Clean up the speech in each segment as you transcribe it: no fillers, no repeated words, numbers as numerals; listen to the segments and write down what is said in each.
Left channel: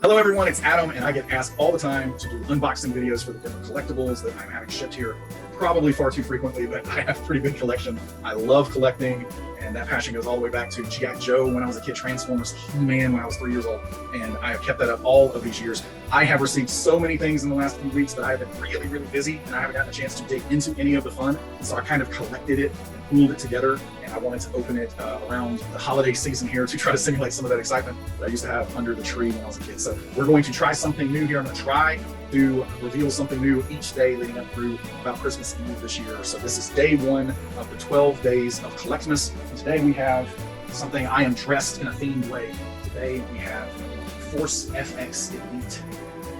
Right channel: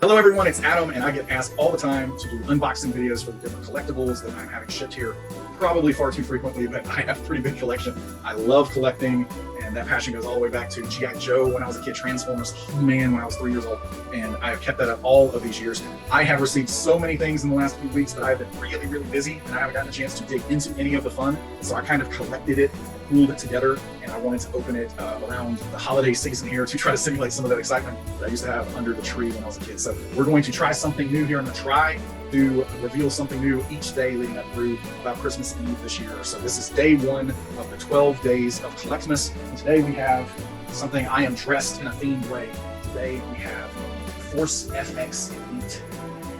Hello everyone, it's Adam, and I get asked all the time to do unboxing videos for the different collectibles that I'm having shipped here. Probably far too frequently, but I have a pretty big collection. I love collecting, and that passion goes all the way back to G.I. Joe when I was a kid, Transformers, He-Man when I was 3 years old, and I have kept that up all of these years. I have received so many things in the last few weeks, but I've been really, really busy, and I haven't gotten a chance to dig into any of the fun, so I kind of collected it, pooled it together, and I wanted to open it around the holiday season here to try to simulate some of that excitement that I used to have under the tree when I was a kid. So we're going to try something new here. I'm going to try to reveal something new each day leading up through about Christmas Eve this year. So this is day one of the 12 days of Collectmas. Today we have something I am dressed in a themed way. Today we have Force FX Elite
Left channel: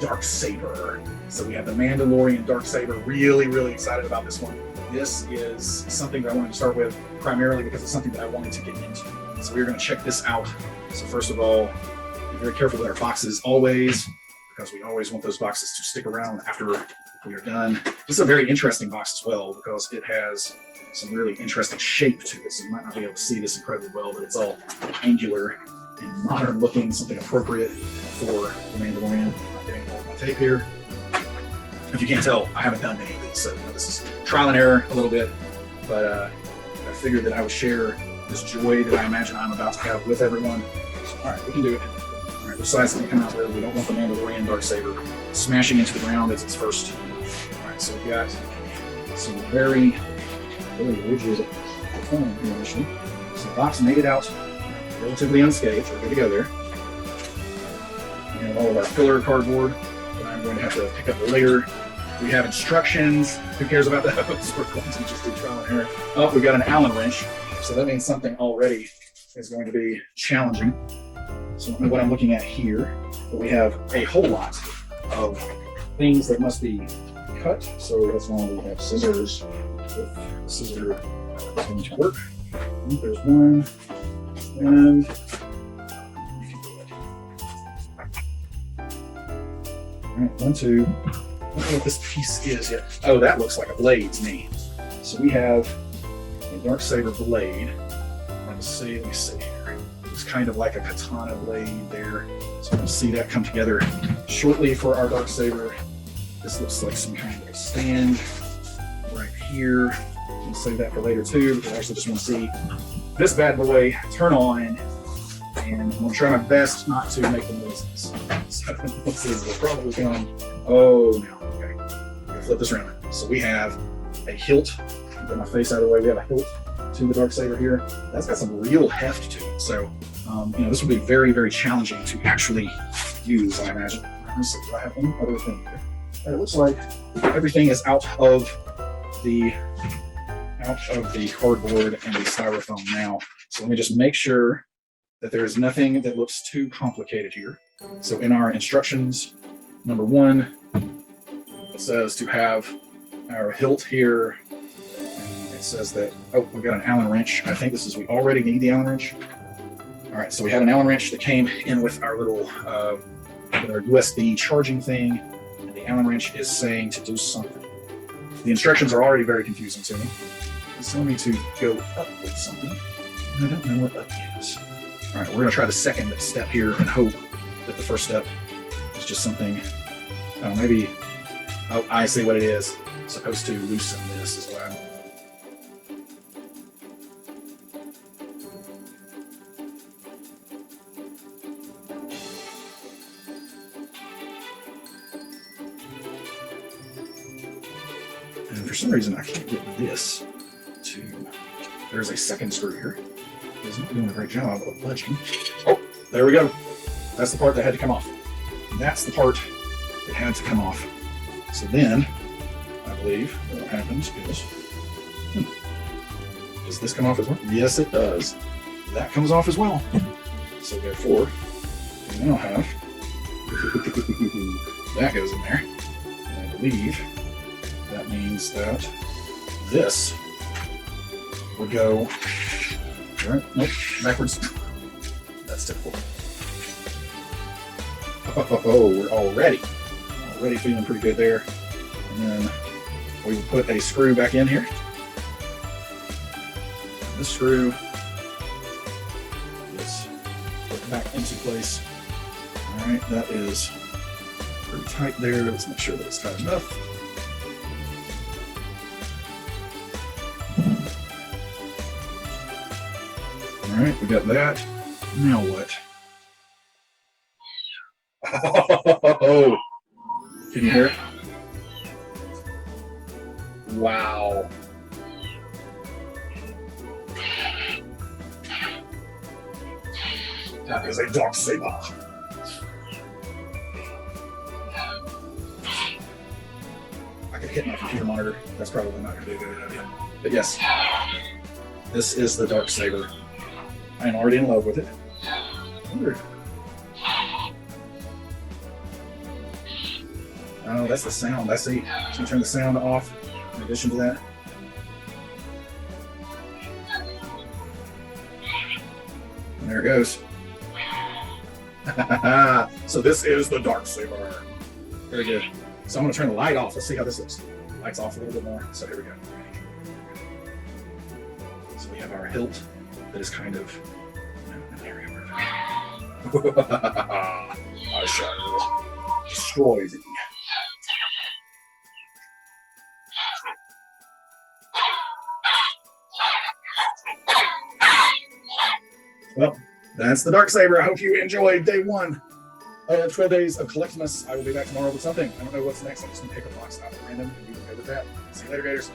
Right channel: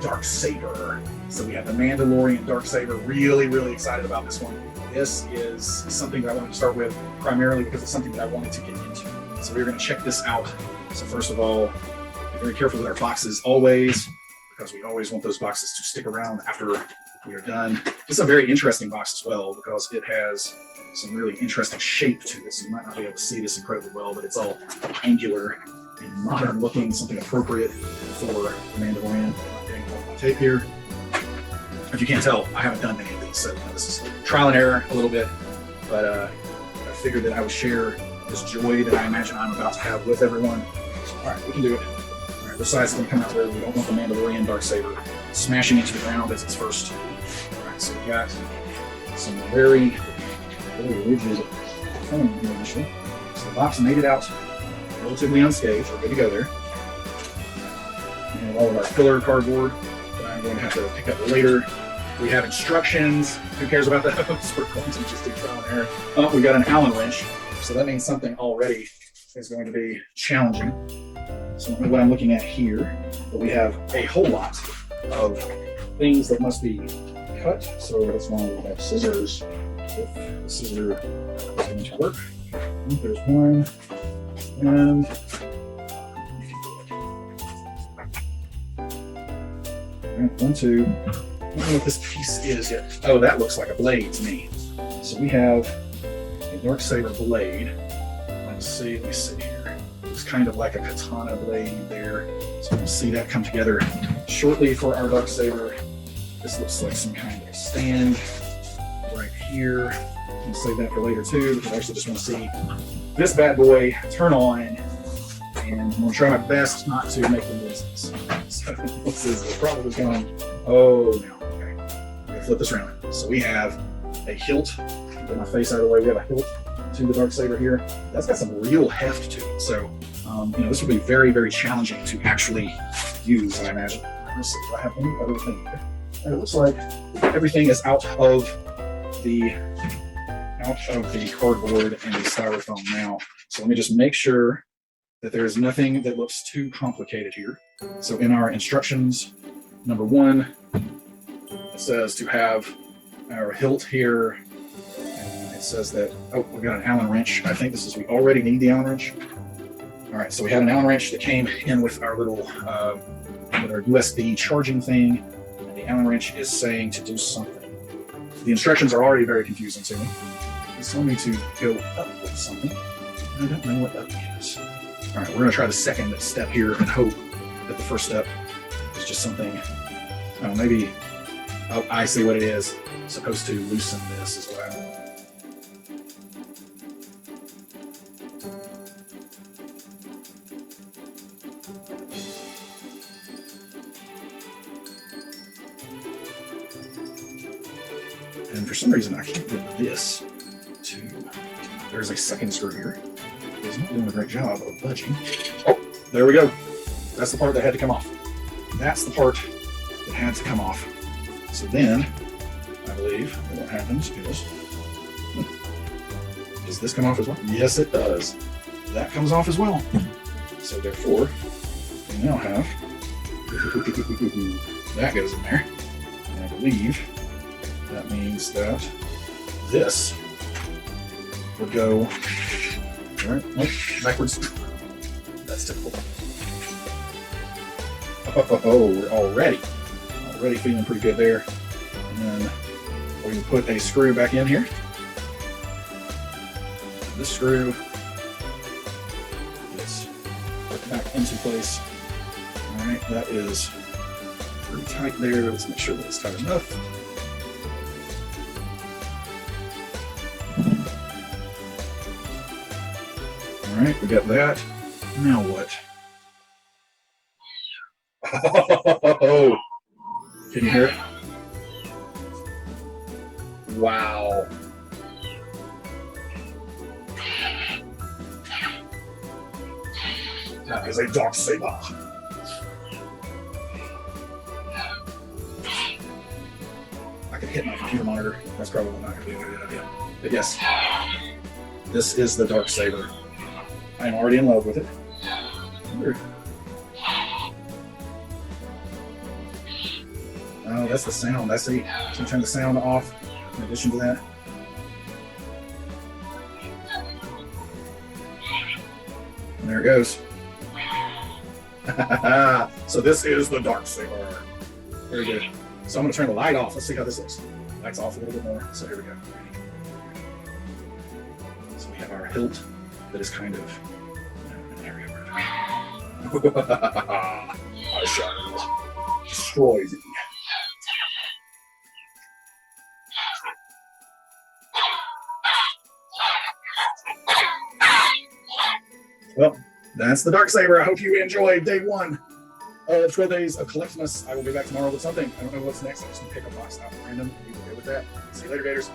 Darksaber. So we have the Mandalorian Darksaber. Really, really excited about this one. This is something that I wanted to start with primarily because it's something that I wanted to get into. So we're going to check this out. So first of all, be very careful with our boxes always, because we always want those boxes to stick around after we are done. This is a very interesting box as well because it has some really interesting shape to it. So you might not be able to see this incredibly well, but it's all angular and modern looking, something appropriate for the Mandalorian. I'm not getting all my tape here. If you can't tell, I haven't done many of these, so this is trial and error a little bit, but I figured that I would share this joy that I imagine I'm about to have with everyone. All right, we can do it. All right, this side's going to come out where we don't want the Mandalorian Darksaber smashing into the ground as it's first. All right, so we've got some very, very rigid foam here initially. So the box made it out relatively unscathed. We're good to go there. And all of our filler cardboard that I'm going to have to pick up later. We have instructions. Who cares about those? We're going to just do trial and error. Oh, we got an Allen wrench. So that means something already is going to be challenging. So I don't know what I'm looking at here, but we have a whole lot of things that must be cut. So that's why we have scissors. If the scissor is going to work. There's one. And all right, 1, 2. I don't know what this piece is yet. Oh, that looks like a blade to me. So we have a Darksaber blade. Let me see here. It's kind of like a katana blade there. So we'll see that come together shortly for our Darksaber. This looks like some kind of a stand right here. I'll save that for later too, because I actually just want to see this bad boy turn on, and I'm going to try my best not to make the noises. So this is probably going, oh no, okay. I'm going to flip this around. So we have a hilt. Get my face out of the way. We have a hilt to the Darksaber here. That's got some real heft to it. So, this will be very, very challenging to actually use, I imagine. Let's see, do I have any other thing here? And it looks like everything is out of the cardboard and the styrofoam now. So let me just make sure that there is nothing that looks too complicated here. So in our instructions, number 1, it says to have our hilt here. And it says that, oh, we got an Allen wrench. I think this is, we already need the Allen wrench. All right, so we have an Allen wrench that came in with our little with our USB charging thing. And the Allen wrench is saying to do something. The instructions are already very confusing to me. So I need to go up with something. I don't know what up is. All right, we're going to try the second step here and hope that the first step is just something. Oh, maybe I see what it is. It's supposed to loosen this is what I'm. And for some reason, I can't get this to. There's a second screw here. It's not doing a great job of budging. Oh, there we go. That's the part that had to come off. And that's the part that had to come off. So then, I believe what happens is, does this come off as well? Yes, it does. That comes off as well. So therefore, we now have that goes in there. And I believe that means that this will go. All right, nope, backwards. That's typical. Oh, we're already feeling pretty good there. And then we will put a screw back in here. This screw is put back into place. All All right, that is pretty tight there. Let's make sure that it's tight enough. All right, we got that. Now what? Oh, can you hear it? Wow. That is a Darksaber. I can hit my computer monitor. That's probably not going to be a good idea. But yes, this is the Darksaber. I am already in love with it. Oh, that's the sound. That's the. So turn the sound off. In addition to that. There it goes. So this is the Darksaber. Very good. So I'm going to turn the light off. Let's see how this looks. Light's off a little bit more. So here we go. So we have our hilt that is kind of an area where I shall destroy thee. Well, that's the Darksaber. I hope you enjoyed day one. 12 days of Collectmas. I will be back tomorrow with something. I don't know what's next. I'm just going to pick a box out at random. You can go with that. See you later, Gators.